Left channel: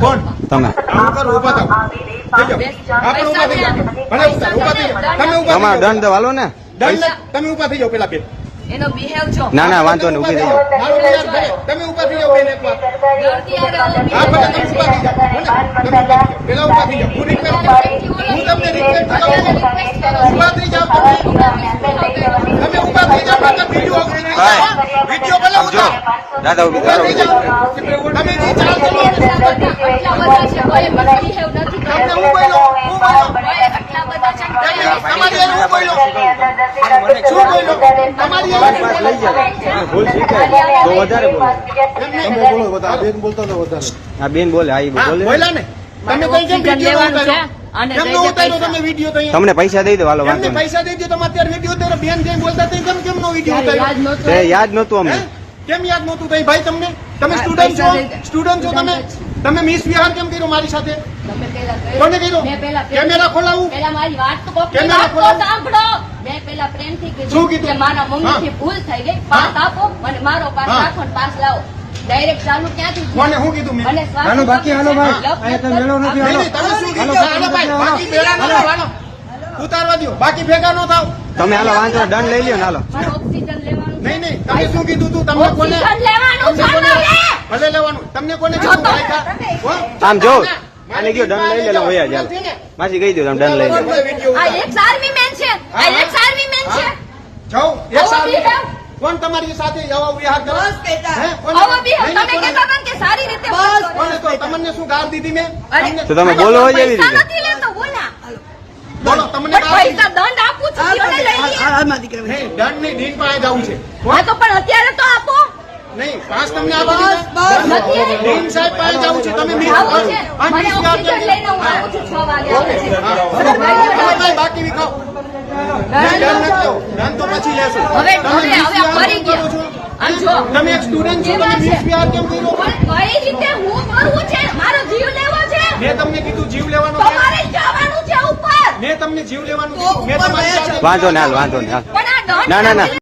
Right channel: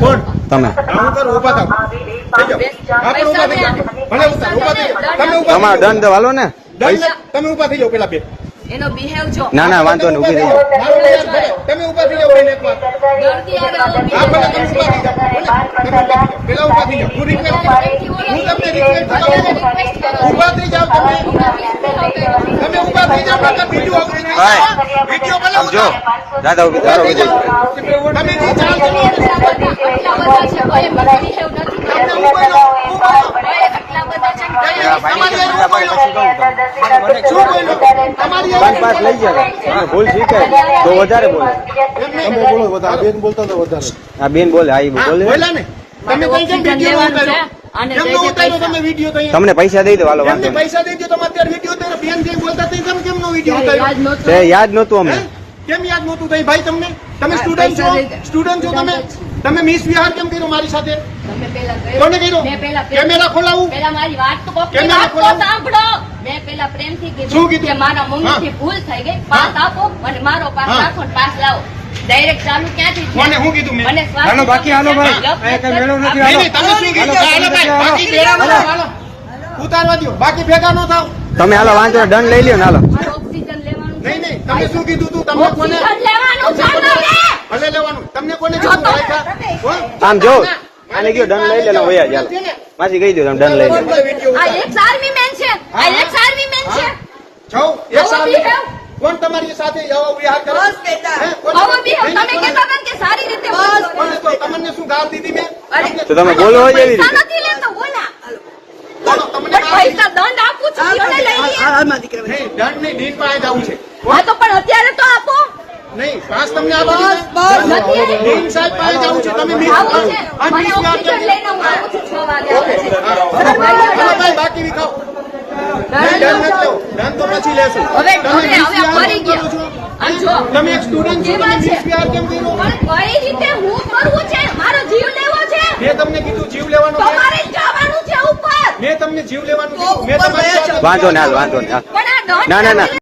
કોણ તમે હું કરું ઉભા થાવ થઈ જાઓ આપણે ઉભા થઈ જાઓ ભલે ઉભા થઈ જાઓ તમે તમારો દંડ વાલો ને તમે ઉભા થઈ જાઓ પેલા બે એનો બિહેવ જો ના ના વાંધો નહીં ઊભી થઈ જાઓ તમે ઉભા થઈ જાઓ એને એક વાત હા ભલે તમે ઉભા થઈ જાઓ પેલા ઉભા થઈ જાઓ હું તમને રિક્વેસ્ટ કરું ઉભા થઈ જાઓ તમે ઉભા થઈ જાઓ આપણે વિડિયો ભાઈ વિડિયો બનાવો સમજો દાદા ઊભી કરો ઊભી થઈ જાઓ તમે આટલા બધા છે કોઈ બિહેવ નથી કરતો આટલા બધા છે પાસ લઈ જાય ભૂલ શીખાય તો વધારે બોલે તમે બોલો વધારે બેન બોલતા તો વધારે આ બેન બોલે આ બોલે બોલ્યા ને તમે કઈ કેમ વિડિયો ઉતાર્યો અને તમે વિડિયો તો તમને પૈસા દઈ દો હાલો વાંધો નહીં પૈસા દઈ દો તમે અત્યારે વિડિયો ઉતાર્યો બેન જેમ બોલતા હતા કેમ નો વિડિયો ઉતાર્યો તે યાદ નહોતું અમને કેમ યાદ નહોતું થઈ ભાઈ તમને તમે સ્ટુડન્ટ છો તમે મિસ વિહાર કેમ કર્યો મારી સાથે તમે પેલા કોને કર્યો કેમેરા ખોલાવું પેલા મારી વાત તો કેમેરા ખોલાવું સાંભળો મેં પેલા પ્રેમથી શું કીધું કીધું? કે મારા મમ્મીથી ભૂલ થઈ ગઈ પાસ આપો અને મારો પાસ હા. રાખો ને પાસ લાવો ડાયરેક્ટ ચાલુ ક્યાંથી કોને હું કીધું મેં મને શ્વાસ હાલો, બાકી હાલો ભાઈ. નહીં નહીં તમે શું કીધું હાલો ભાઈ બાકી ભેગા ન થાવ હાલો ઉતારવા દો બાકી ભેગા ન થાવ તમે હાલો વાંધો નહીં, દંડ લઈ લ્યો ને હાલો મારે ઓક્સિજન લેવાનું છે. નહીં નહીં તમે શું કીધું તું તમને કોને ઓક્સિજન લેવાનું છે મારે. ભલે લેવાનું તમને કોને કીધું કોણ? આમ જો આને કયો દંડ લઈ લે ને વયા ચાલો માસી કહી દો તમે દંડ લઈ લે આ એક આર્મી મેન છે આ એક આર્મી મેન છે જાઓ એક આવો સાલ બિહાર. કોણ તમારી સાથે આવા વિહાર કરે હે? કોને? આવો બિહેવ. તમે નહીં, કહેતા હતા ને કે સારી રીતે બોલો. કોને તો તમને શું ગાળ દીધી મેં અરે, તો તમે બોલો જ એવી પૈસા રીતે. નથી લેતો, બોલા. બોલો તમને પણ પૈસા દંડ આપું છું કયો ને લઈ લે. નહીં દંડ નહીં નીટ માં જવું છે હા તો પણ અત્યારે તો આપો નહીં પાસ તમને આપી બસ, નથી દીધા નીમ સાહેબ પાસે જવું છે તમે નીમ આવો છે મને ઓક્સિજન લઈને હું આવું છું 6 વાગે આવે છે. બાકી નહીં ખાઓ. નહીં, દંડ નથી ખાઓ. દંડ તો પછી લેશું હવે તમે હવે નીટ વિહાર ફરી કેમ ગયા. કરો છો? આમ જો. તમે એક સ્ટુડન્ટ છો તમે એમાં છે. નીટ વિહાર કેમ કર્યો પણ કઈ રીતે હું કરવું છે મારો જીવ લેવો છે મેં તમને કીધું જીવ લેવાનું છે તમારે જ જવાનું છે ઉપર મેં તમને જીવ લેવાનું કીધું મેં તમારી સાથે વાંધો ને હાલ વાંધો ને હાલ પણ આ દંડ ના, ના, ના.